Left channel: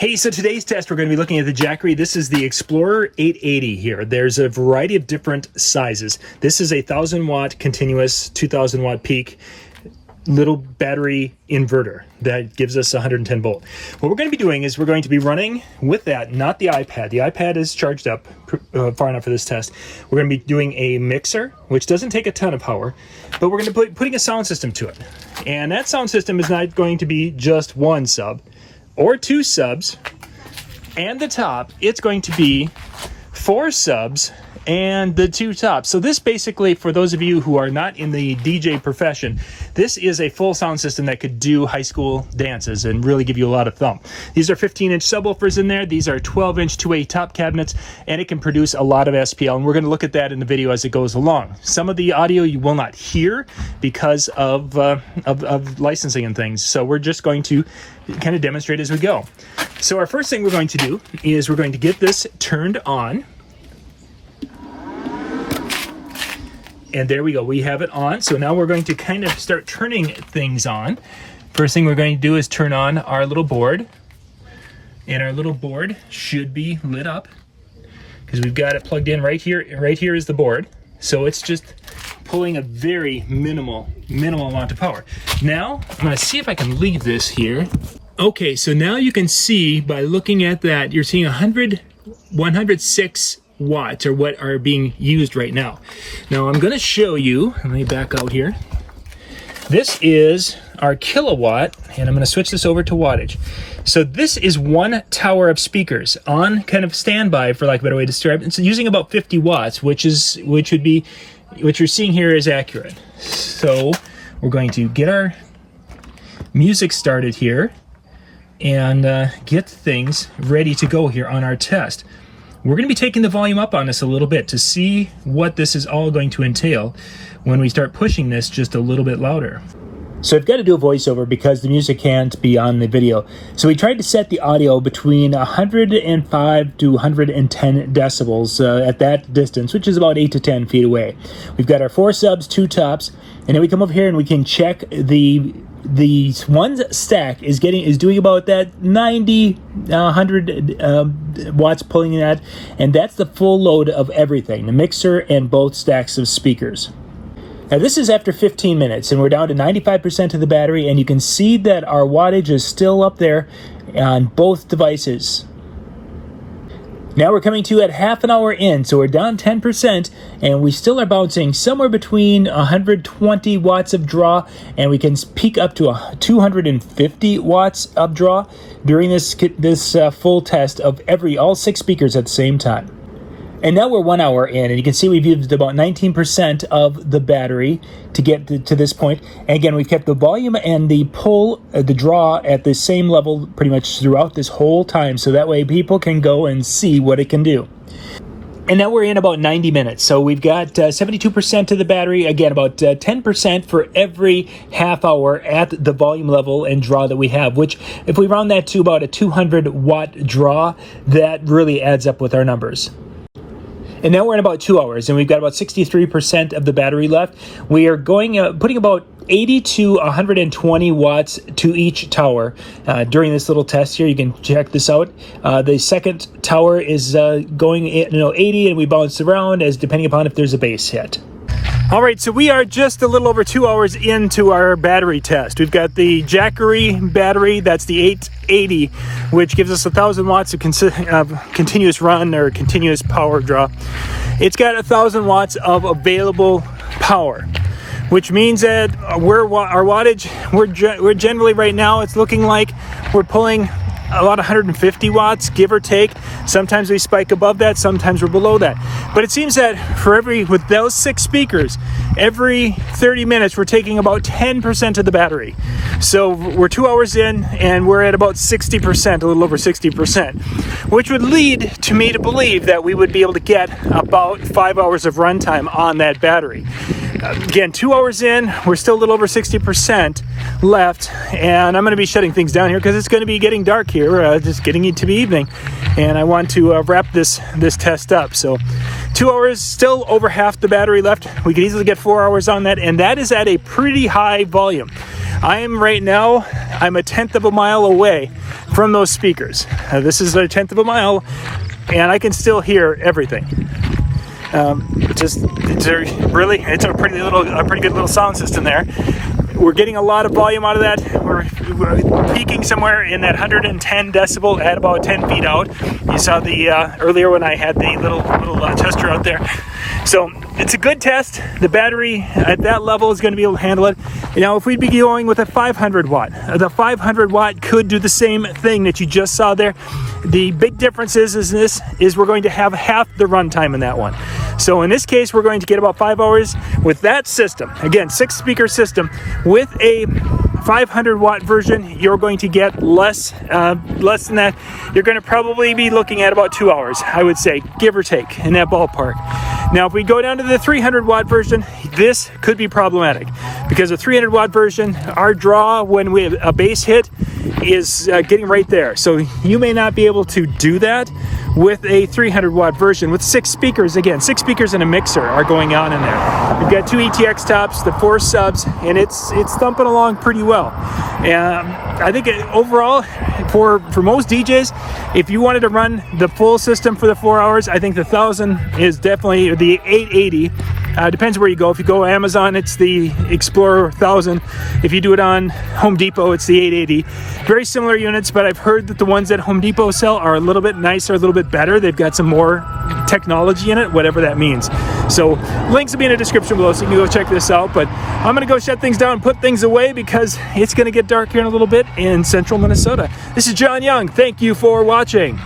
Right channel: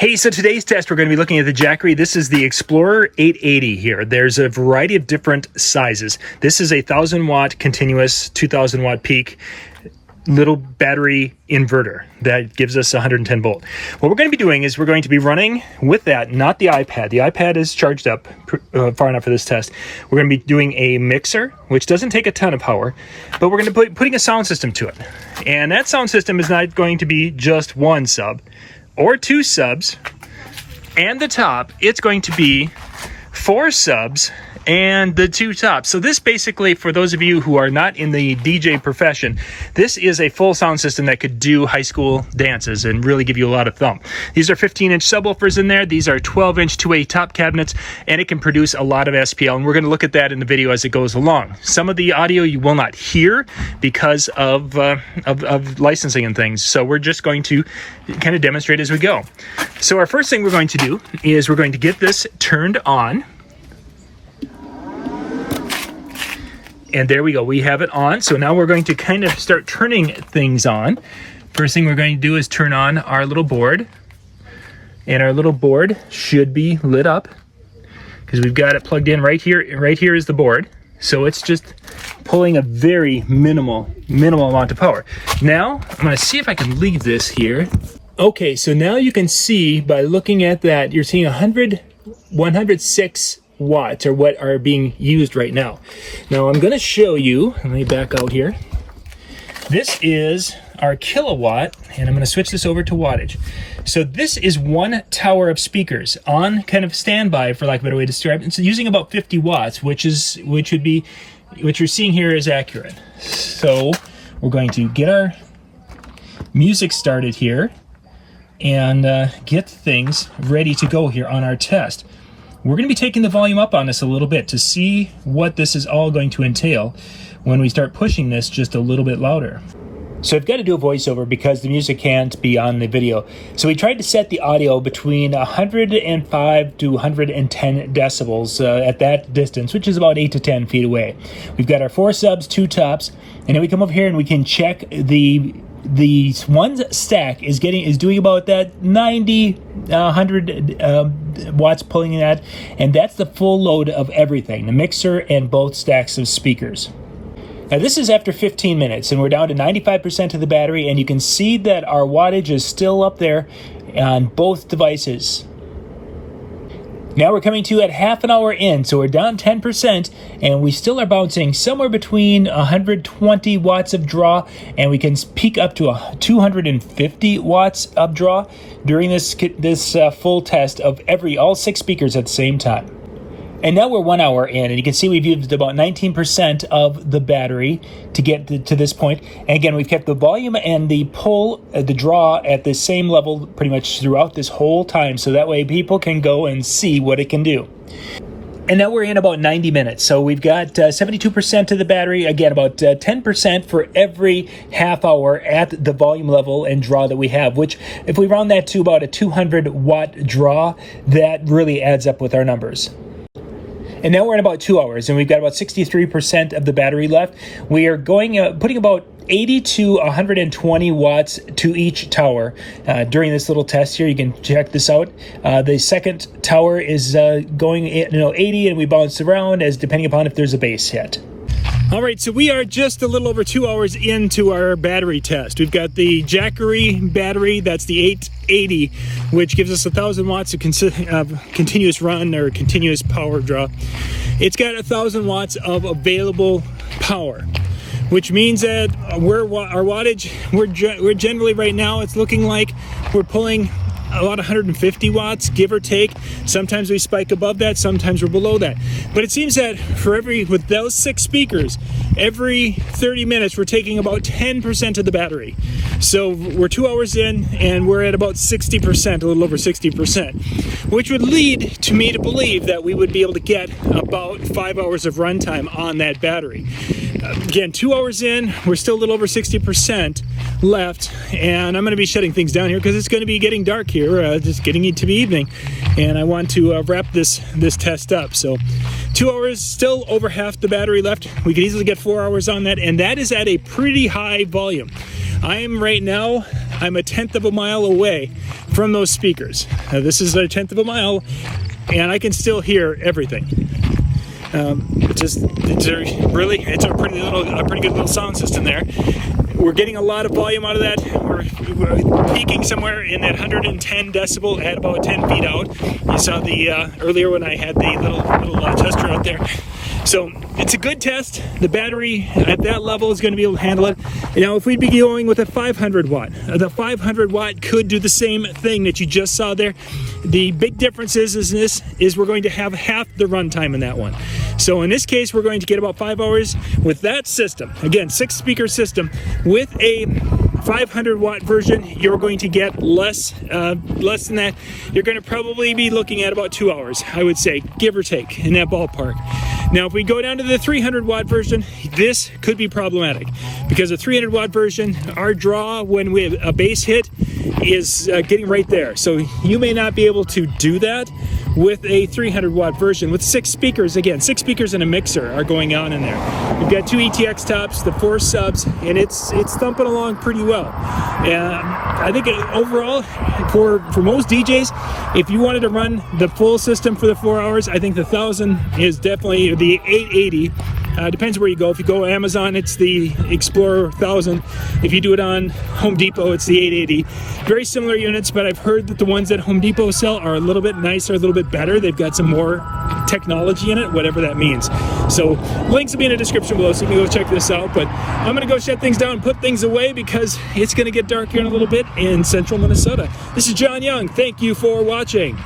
Hey, so today's test, we're going to be looking at the Jackery. This is the Explorer 880 here. There's a variety of different sizes. This is a 1,000 watt continuous, 2,000 watt peak little battery inverter that gives us 110 volt. What we're going to be doing is we're going to be running with that, not the iPad. The iPad is charged up far enough for this test. We're going to be doing a mixer, which doesn't take a ton of power, but we're going to be putting a sound system to it. And that sound system is not going to be just one sub or two subs and the top. It's going to be 4 subs and the 2 tops. So this basically, for those of you who are not in the DJ profession, this is a full sound system that could do high school dances and really give you a lot of thump. These are 15-inch subwoofers in there. These are 12-inch 2-way top cabinets, and it can produce a lot of SPL, and we're going to look at that in the video as it goes along. Some of the audio you will not hear because of licensing and things, so we're just going to kind of demonstrate as we go. So our first thing we're going to do is we're going to get this turned on. And there we go, we have it on. So now we're going to kind of start turning things on. First thing we're going to do is turn on our little board. And our little board should be lit up because we've got it plugged in right here. Right here is the board. So it's just pulling a very minimal amount of power. Now, I'm gonna see if I can leave this here. Okay, so now you can see by looking at that, you're seeing 106 watts are what are being used right now. Now I'm going to show you, let me back out here. This is our kilowatt, and I'm going to switch this over to wattage. So this is 1 tower of speakers on kind of standby, for lack of a better way to describe it. It's using about 50 watts, which would be what you're seeing here is accurate. So we're going to get our music started here and get things ready to go here on our test. We're going to be taking the volume up on this a little bit to see what this is all going to entail when we start pushing this just a little bit louder. So I've got to do a voiceover because the music can't be on the video. So we tried to set the audio between 105 to 110 decibels at that distance, which is about 8 to 10 feet away. We've got our 4 subs, 2 tops, and then we come over here and we can check the one stack is doing about that 90 100 watts pulling that, and that's the full load of everything, the mixer and both stacks of speakers. Now this is after 15 minutes and we're down to 95% of the battery, and you can see that our wattage is still up there on both devices. Now we're coming to at half an hour in, so we're down 10%, and we still are bouncing somewhere between 120 watts of draw, and we can peak up to 250 watts of draw during this full test of all 6 speakers at the same time. And now we're 1 hour in, and you can see we've used about 19% of the battery to get to this point. And again, we've kept the volume and the pull, the draw at the same level pretty much throughout this whole time, so that way people can go and see what it can do. And now we're in about 90 minutes, so we've got 72% of the battery, again about 10% for every half hour at the volume level and draw that we have, which if we round that to about a 200 watt draw, that really adds up with our numbers. And now we're in about 2 hours, and we've got about 63% of the battery left. We are putting about 80 to 120 watts to each tower during this little test here. You can check this out. The second tower is going 80, and we bounce around as depending upon if there's a base hit. All right, so we are just a little over 2 hours into our battery test. We've got the Jackery battery, that's the 880, which gives us 1,000 watts of continuous run or continuous power draw. It's got 1,000 watts of available power, which means that our wattage, we're generally right now, it's looking like we're pulling about 150 watts, give or take. Sometimes we spike above that, sometimes we're below that. But it seems that with those 6 speakers, every 30 minutes we're taking about 10% of the battery. So we're 2 hours in and we're at about 60%, a little over 60%, which would lead to me to believe that we would be able to get about 5 hours of runtime on that battery. Again, 2 hours in, we're still a little over 60% left, and I'm going to be shutting things down here because it's going to be getting dark here, just getting it to be evening, and I want to wrap this test up. So 2 hours, still over half the battery left. We could easily get 4 hours on that, and that is at a pretty high volume. I'm right now, I'm a 1/10 of a mile away from those speakers. This is a 1/10 of a mile, and I can still hear everything. It's a pretty good little sound system there. We're getting a lot of volume out of that. We're peaking somewhere in that 110 decibel at about 10 feet out. You saw the earlier when I had the little tester out there. So it's a good test. The battery at that level is going to be able to handle it. Now, if we'd be going with a 500 watt, the 500 watt could do the same thing that you just saw there. The big difference is we're going to have half the runtime in that one. So in this case, we're going to get about 5 hours with that system. Again, 6 speaker system. With a 500 watt version, you're going to get less than that. You're going to probably be looking at about 2 hours, I would say, give or take, in that ballpark. Now, if we go down to the 300 watt version, this could be problematic because the 300 watt version, our draw when we have a bass hit is getting right there. So you may not be able to do that with a 300 watt version with 6 speakers. Again, 6 speakers and a mixer are going on in there. We've got 2 ETX tops, the 4 subs, and it's thumping along pretty well. And I think overall, for most DJs, if you wanted to run the full system for the 4 hours, I think the 1000 is definitely the 880. Depends where you go. If you go Amazon, it's the Explorer 1000. If you do it on Home Depot, it's the 880. Very similar units, but I've heard that the ones that Home Depot sell are a little bit nicer, a little bit better. They've got some more technology in it, whatever that means. So links will be in the description below, so you can go check this out. But I'm going to go shut things down and put things away because it's going to get dark here in a little bit in central Minnesota. This is John Young. Thank you for watching.